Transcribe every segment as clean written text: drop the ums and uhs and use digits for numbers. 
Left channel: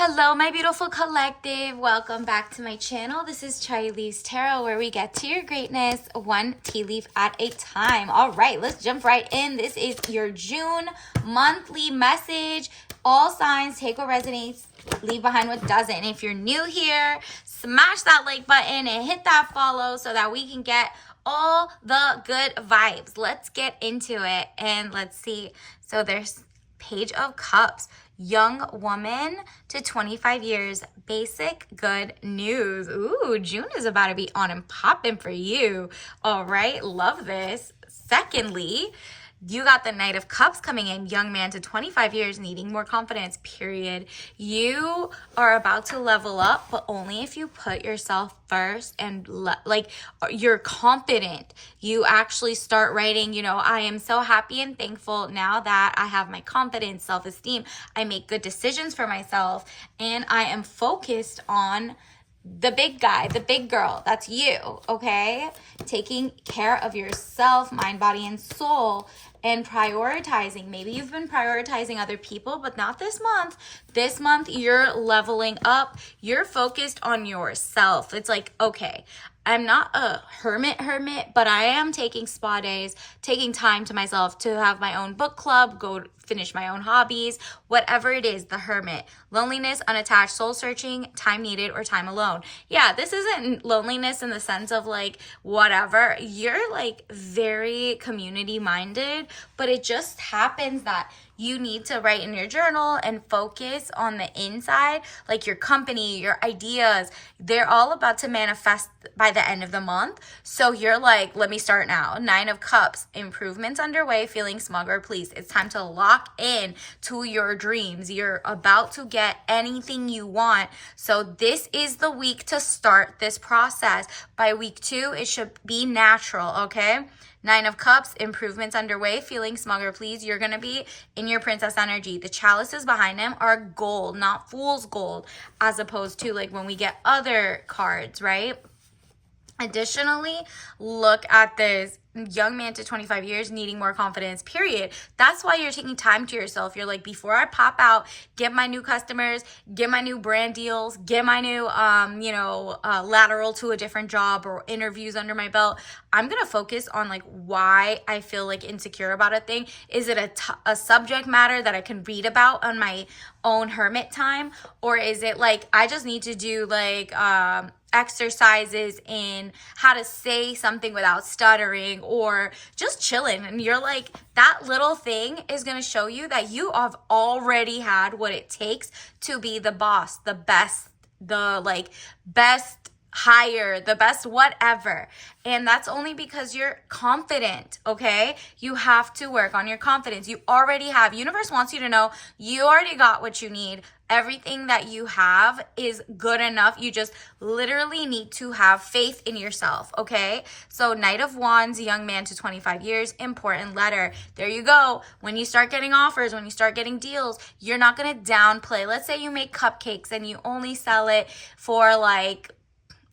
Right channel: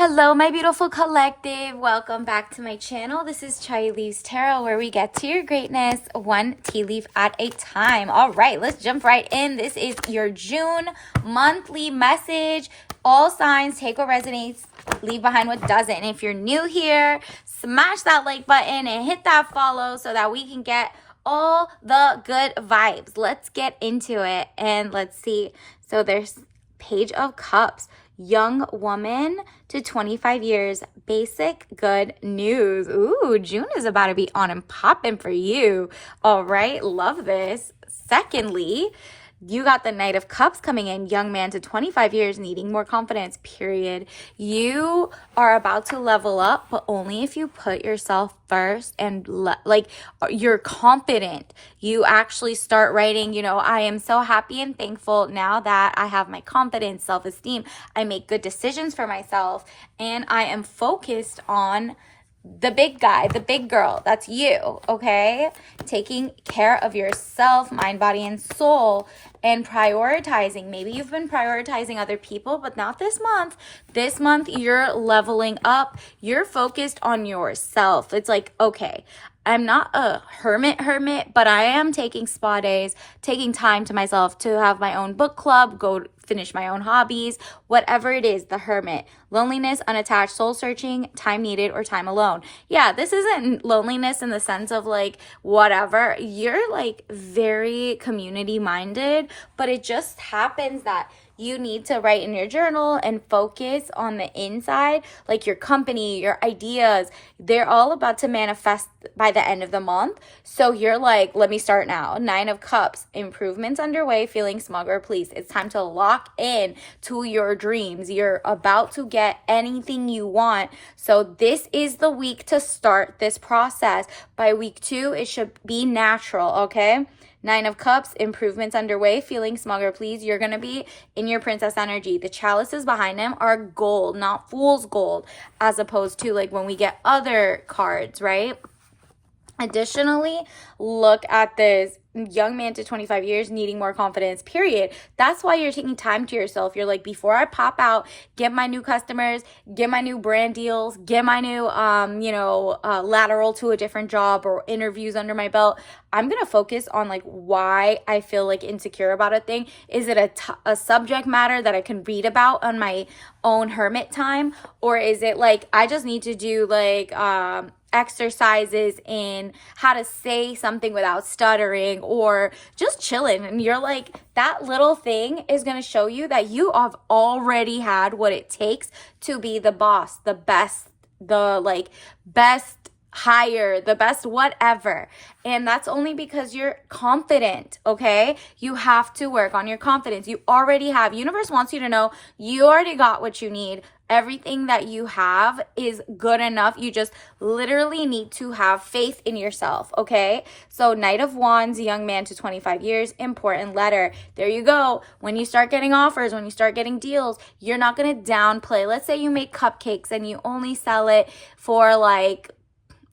Hello, my beautiful collective. Welcome back to my channel. This is Charlie's Tarot, where we get to your greatness one tea leaf at a time. All right, let's jump right in. This is your June monthly message. All signs, take what resonates, leave behind what doesn't. And if you're new here, smash that like button and hit that follow so that we can get all the good vibes. Let's get into it and let's see. So there's Page of Cups. Young woman to 25 years, basic good news. Ooh, June is about to be on and popping for you. All right, love this. Secondly, you got the Knight of Cups coming in, young man to 25 years, needing more confidence, period. You are about to level up, but only if you put yourself first and you're confident. You actually start writing, I am so happy and thankful now that I have my confidence, self-esteem. I make good decisions for myself, and I am focused on the big guy, the big girl. That's you, okay? Taking care of yourself, mind, body, and soul, and prioritizing. Maybe you've been prioritizing other people, but not this month. This month, you're leveling up. You're focused on yourself. It's like, okay, I'm not a hermit, but I am taking spa days, taking time to myself to have my own book club, go finish my own hobbies, whatever it is, the hermit. Loneliness, unattached, soul searching, time needed, or time alone. Yeah, this isn't loneliness in the sense of whatever. You're very community minded, but it just happens that you need to write in your journal and focus on the inside, like your company, your ideas. They're all about to manifest by the end of the month. So you're like, let me start now. 9 of Cups, improvements underway, feeling smug or pleased. It's time to lock in to your dreams. You're about to get anything you want. So this is the week to start this process. By week 2, it should be natural, okay? 9 of Cups, improvements underway, feeling smug or pleased. You're going to be in your princess energy. The chalices behind them are gold, not fool's gold, as opposed to when we get other cards, right? Additionally, look at this young man to 25 years needing more confidence, period. That's why you're taking time to yourself. You're like, before I pop out, get my new customers, get my new brand deals, get my new, lateral to a different job or interviews under my belt. I'm going to focus on why I feel insecure about a thing. Is it a subject matter that I can read about on my own hermit time? Or is it I just need to do exercises in how to say something without stuttering, or just chilling, and you're that little thing is going to show you that you have already had what it takes to be the boss, the best, the best higher, the best whatever. And that's only because you're confident, okay? You have to work on your confidence. You already have. Universe wants you to know you already got what you need. Everything that you have is good enough. You just literally need to have faith in yourself, okay? So Knight of Wands, young man to 25 years, important letter. There you go. When you start getting offers, when you start getting deals, you're not going to downplay. Let's say you make cupcakes and you only sell it for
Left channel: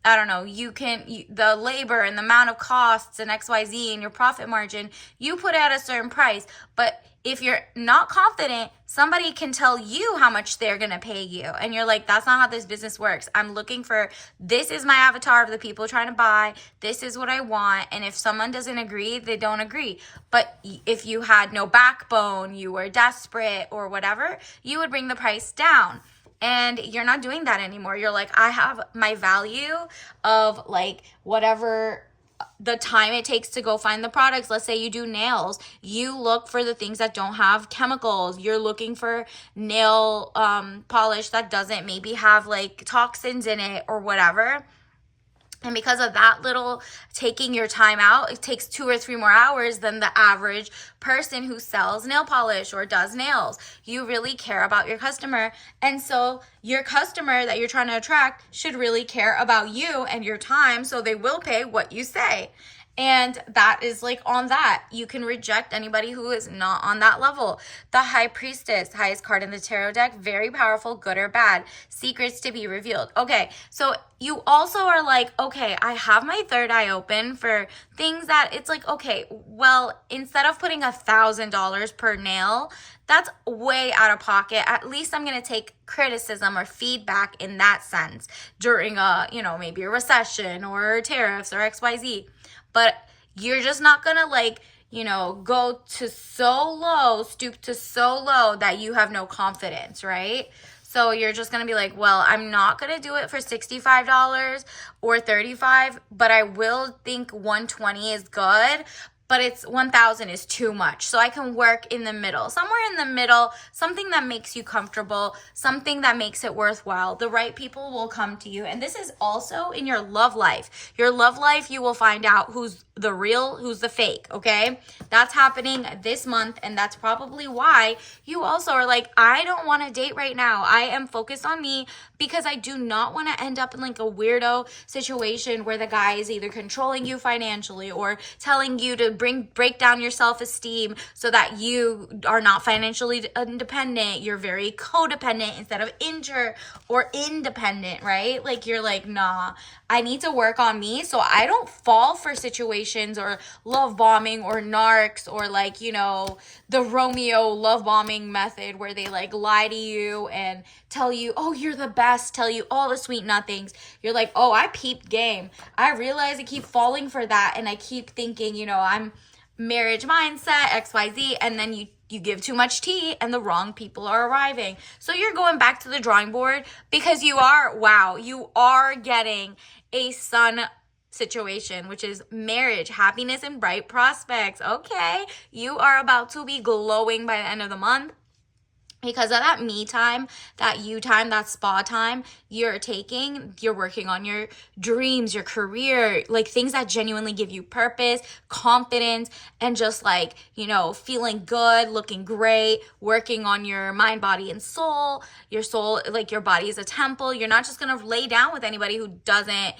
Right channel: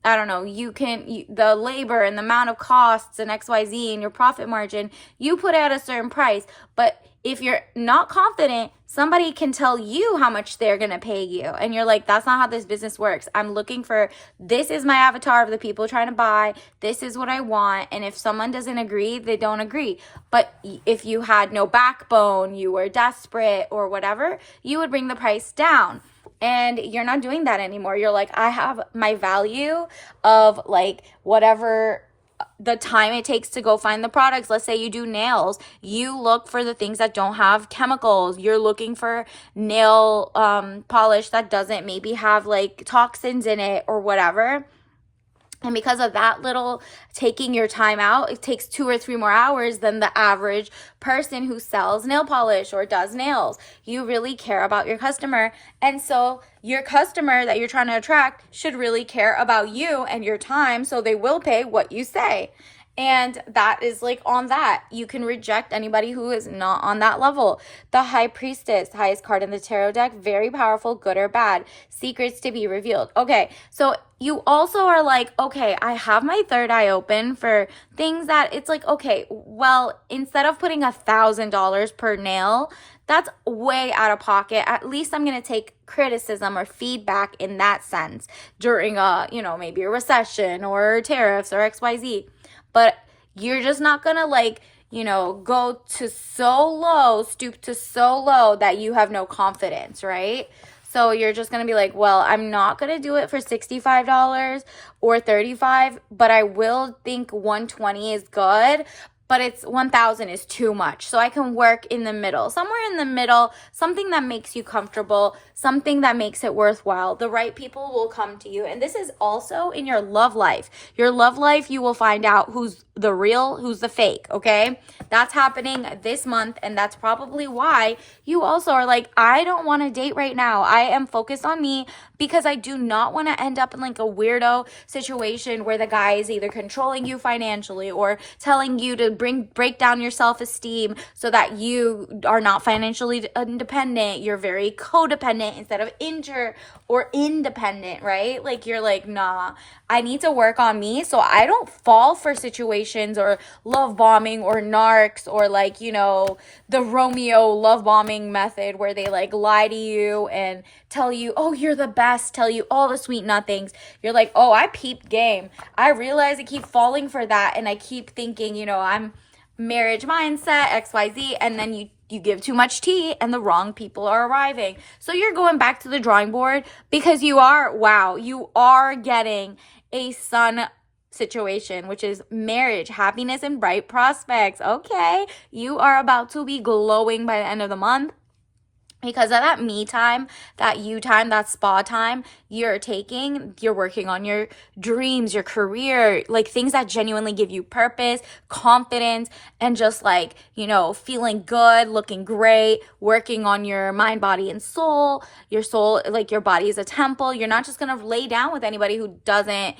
I don't know, the labor and the amount of costs and XYZ and your profit margin, you put it at a certain price. But if you're not confident, somebody can tell you how much they're going to pay you. And you're like, that's not how this business works. I'm looking for, this is my avatar of the people trying to buy. This is what I want. And if someone doesn't agree, they don't agree. But if you had no backbone, you were desperate or whatever, you would bring the price down. And you're not doing that anymore. You're like, I have my value of whatever the time it takes to go find the products. Let's say you do nails. You look for the things that don't have chemicals. You're looking for nail polish that doesn't maybe have toxins in it or whatever. And because of that little taking your time out, it takes 2 or 3 more hours than the average person who sells nail polish or does nails. You really care about your customer. And so your customer that you're trying to attract should really care about you and your time, so they will pay what you say. And that is like on that. You can reject anybody who is not on that level. The High Priestess, highest card in the tarot deck, very powerful, good or bad. Secrets to be revealed. Okay, so you also are like, okay, I have my third eye open for things that it's like, okay, well, instead of putting $1,000 per nail, that's way out of pocket. At least I'm going to take criticism or feedback in that sense during maybe a recession or tariffs or XYZ. But you're just not going to go to so low, stoop to so low that you have no confidence, right? So you're just going to be like, well, I'm not going to do it for $65 or $35, but I will think $120 is good. But it's $1,000 is too much. So I can work in the middle. Somewhere in the middle, something that makes you comfortable, something that makes it worthwhile. The right people will come to you. And this is also in your love life. Your love life, you will find out who's the real, who's the fake, okay? That's happening this month, and that's probably why you also are like, I don't want to date right now. I am focused on me because I do not want to end up in like a weirdo situation where the guy is either controlling you financially or telling you to break down your self-esteem so that you are not financially independent. You're very codependent instead of inter or independent, right? Like you're like, nah, I need to work on me so I don't fall for situations or love bombing or narcs or the Romeo love bombing method where they like lie to you and tell you, oh, you're the best, tell you all the sweet nothings. You're like, oh, I peeped game. I realize I keep falling for that and I keep thinking, I'm marriage mindset, XYZ, and then you give too much tea and the wrong people are arriving. So you're going back to the drawing board because you are getting a sun situation, which is marriage, happiness, and bright prospects. Okay, you are about to be glowing by the end of the month. Because of that me time, that you time, that spa time you're working on your dreams, your career, like things that genuinely give you purpose, confidence, and just feeling good, looking great, working on your mind, body, and soul. Your soul, like your body is a temple. You're not just going to lay down with anybody who doesn't,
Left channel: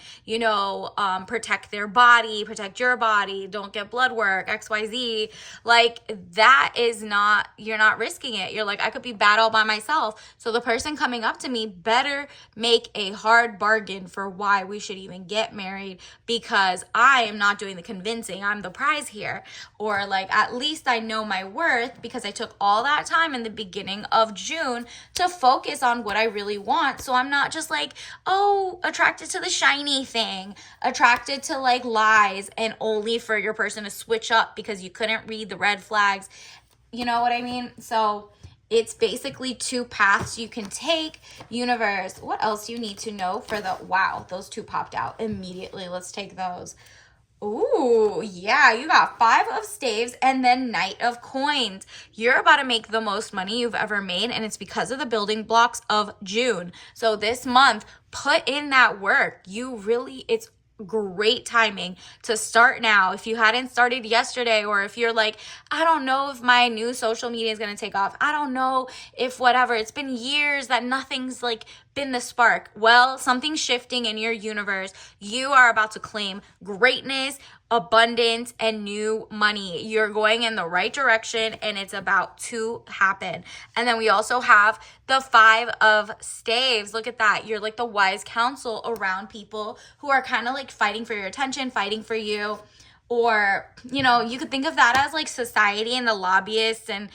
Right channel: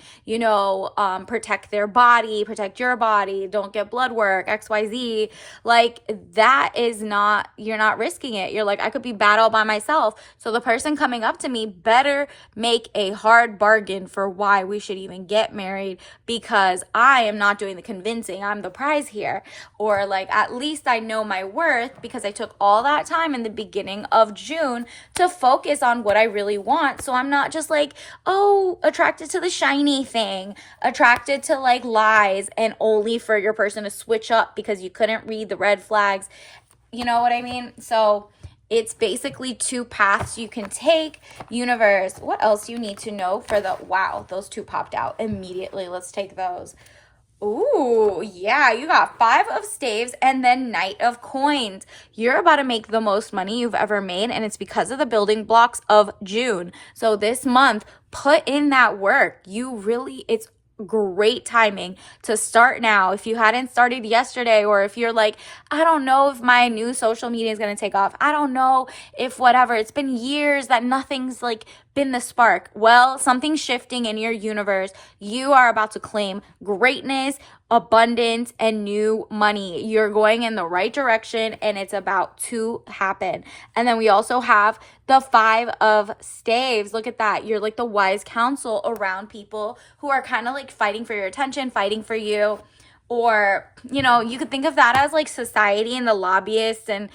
protect their body, protect your body, don't get blood work, XYZ. Like that is not, you're not risking it. You're like, I could be bad all by myself. So the person coming up to me better make a hard bargain for why we should even get married because I am not doing the convincing. I'm the prize here. Or at least I know my worth because I took all that time in the beginning of June to focus on what I really want. So I'm not just attracted to the shiny thing, attracted to lies and only for your person to switch up because you couldn't read the red flags. You know what I mean? So it's basically two paths you can take. Universe, what else you need to know for wow, those two popped out immediately. Let's take those. Ooh, yeah, you got 5 of staves and then Knight of coins. You're about to make the most money you've ever made, and it's because of the building blocks of June. So this month, put in that work. It's great timing to start now. If you hadn't started yesterday, or if you're like, I don't know if my new social media is going to take off. I don't know if whatever. It's been years that nothing's been the spark. Well, something's shifting in your universe. You are about to claim greatness, abundance, and new money. You're going in the right direction and it's about to happen. And then we also have the 5 of staves. Look at that. You're the wise counsel around people who are kind of fighting for your attention, fighting for you. Or, you could think of that as society and the lobbyists and,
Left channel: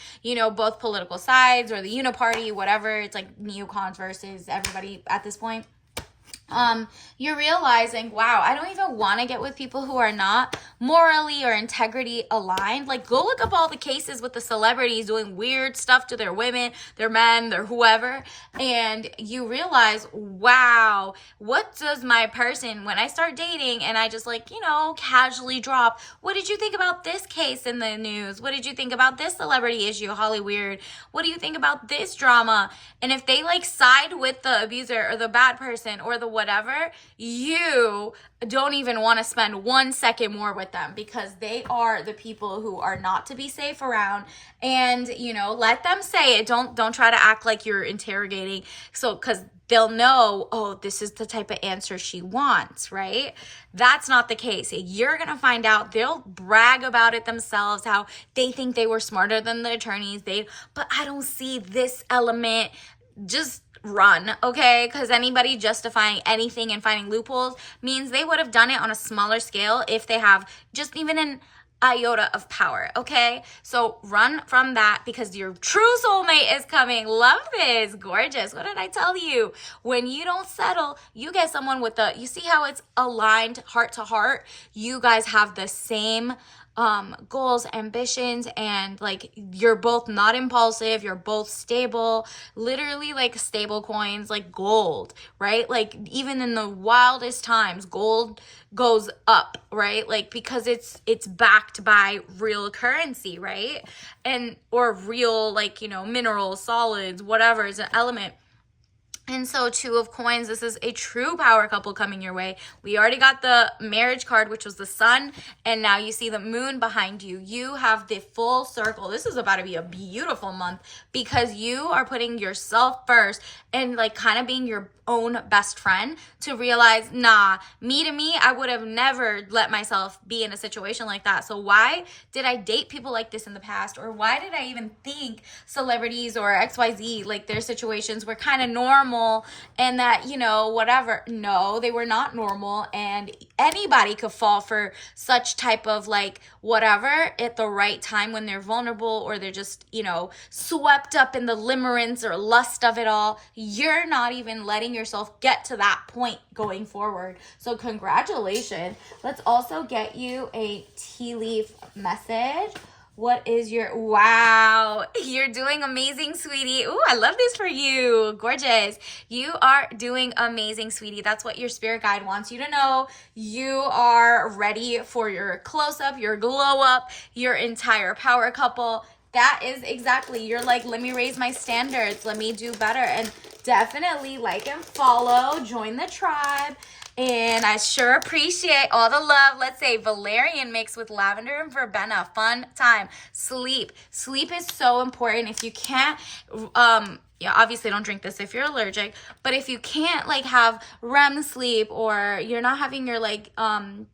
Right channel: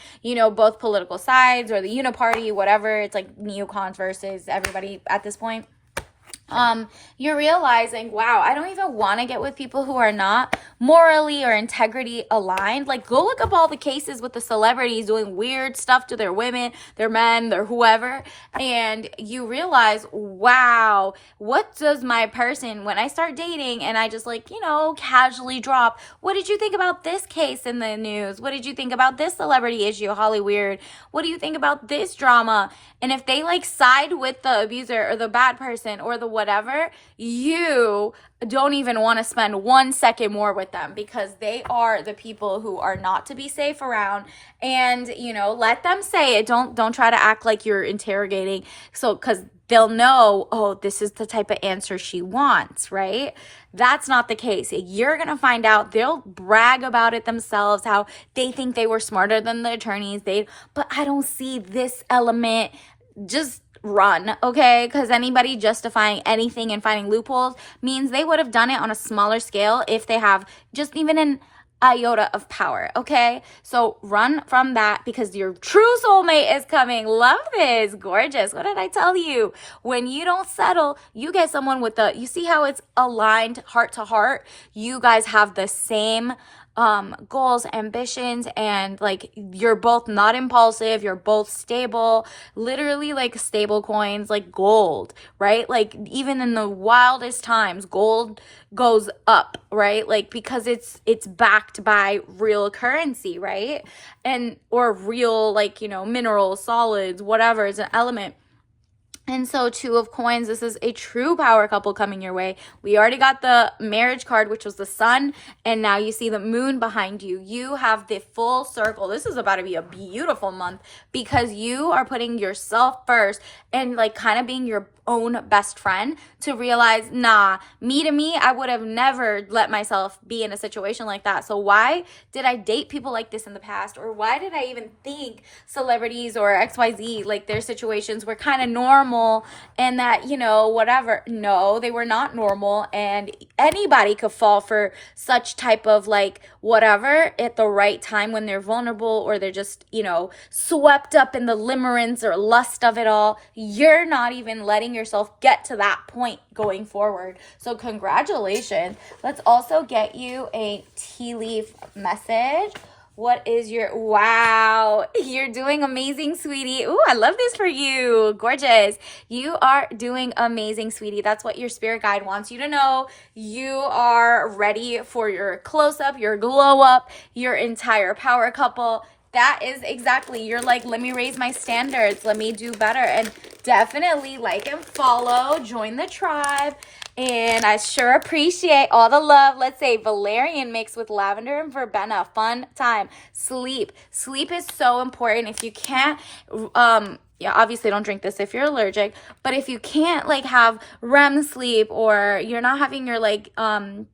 both political sides or the uniparty, whatever. It's neocons versus everybody at this point. You're realizing, wow, I don't even want to get with people who are not morally or integrity aligned. Go look up all the cases with the celebrities doing weird stuff to their women, their men, their whoever, and you realize, wow, what does my person, when I start dating and I just casually drop, what did you think about this case in the news? What did you think about this celebrity issue, Holly Weird? What do you think about this drama? And if they side with the abuser or the bad person or the whatever, you don't even want to spend 1 second more with them, because they are the people who are not to be safe around. And let them say it. Don't try to act like you're interrogating, so because they'll know, oh, this is the type of answer she wants, right? That's not the case. You're going to find out. They'll brag about it themselves, how they think they were smarter than the attorneys. But I don't see this element. Just run, okay? Because anybody justifying anything and finding loopholes means they would have done it on a smaller scale if they have just even an iota of power, okay? So run from that, because your true soulmate is coming. Love this. Gorgeous. What did I tell you? When you don't settle, you get someone with you see how it's aligned heart to heart? You guys have the same goals, ambitions, and like you're both not impulsive, you're both stable, literally like stable coins, like gold, right? Like even in the wildest times, gold goes up, right? Like because it's backed by real currency, right? And or real, like, minerals, solids, whatever is an element. And so Two of Coins, this is a true power couple coming your way. We already got the marriage card, which was the sun, and now you see the moon behind you. You have the full circle. This is about to be a beautiful month, because you are putting yourself first and like kind of being your own best friend to realize, nah, me, I would have never let myself be in a situation like that. So why did I date people like this in the past? Or why did I even think celebrities or XYZ, like their situations were kind of normal and that, whatever? No, they were not normal, and anybody could fall for such type of like whatever at the right time when they're vulnerable, or they're just, swept up in the limerence or lust of it all. You're not even letting yourself get to that point going forward. So congratulations. Let's also get you a tea leaf message. What is wow, you're doing amazing, sweetie. Ooh, I love this for you. Gorgeous. You are doing amazing, sweetie. That's what your spirit guide wants you to know. You are ready for your close-up, your glow-up, your entire power couple. That is exactly, you're like, let me raise my standards, let me do better. And definitely like and follow, join the tribe. And I sure appreciate all the love. Let's say valerian mixed with lavender and verbena. Fun time. Sleep is so important. If you can't obviously don't drink this if you're allergic, but if you can't like have REM sleep, or you're not having your like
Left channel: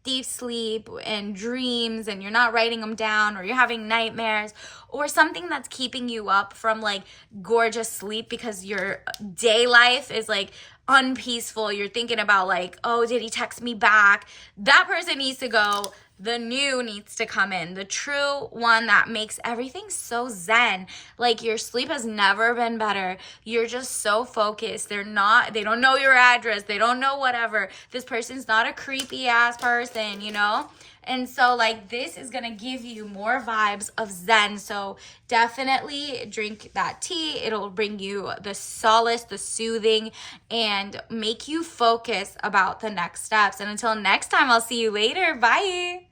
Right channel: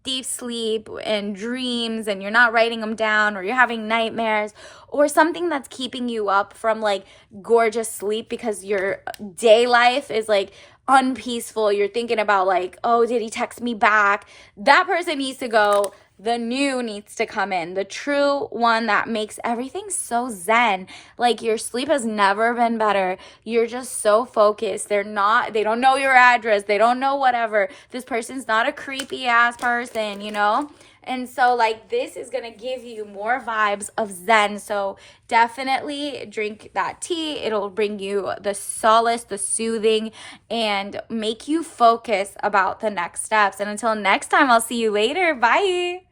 deep sleep and dreams, and you're not writing them down, or you're having nightmares, or something that's keeping you up from like gorgeous sleep because your day life is like unpeaceful, you're thinking about like, oh, did he text me back? That person needs to go. The new needs to come in, the true one that makes everything so zen. Like your sleep has never been better. You're just so focused. They don't know your address. They don't know whatever. This person's not a creepy ass person, And so like this is going to give you more vibes of zen. So definitely drink that tea. It'll bring you the solace, the soothing, and make you focus about the next steps. And until next time, I'll see you later. Bye.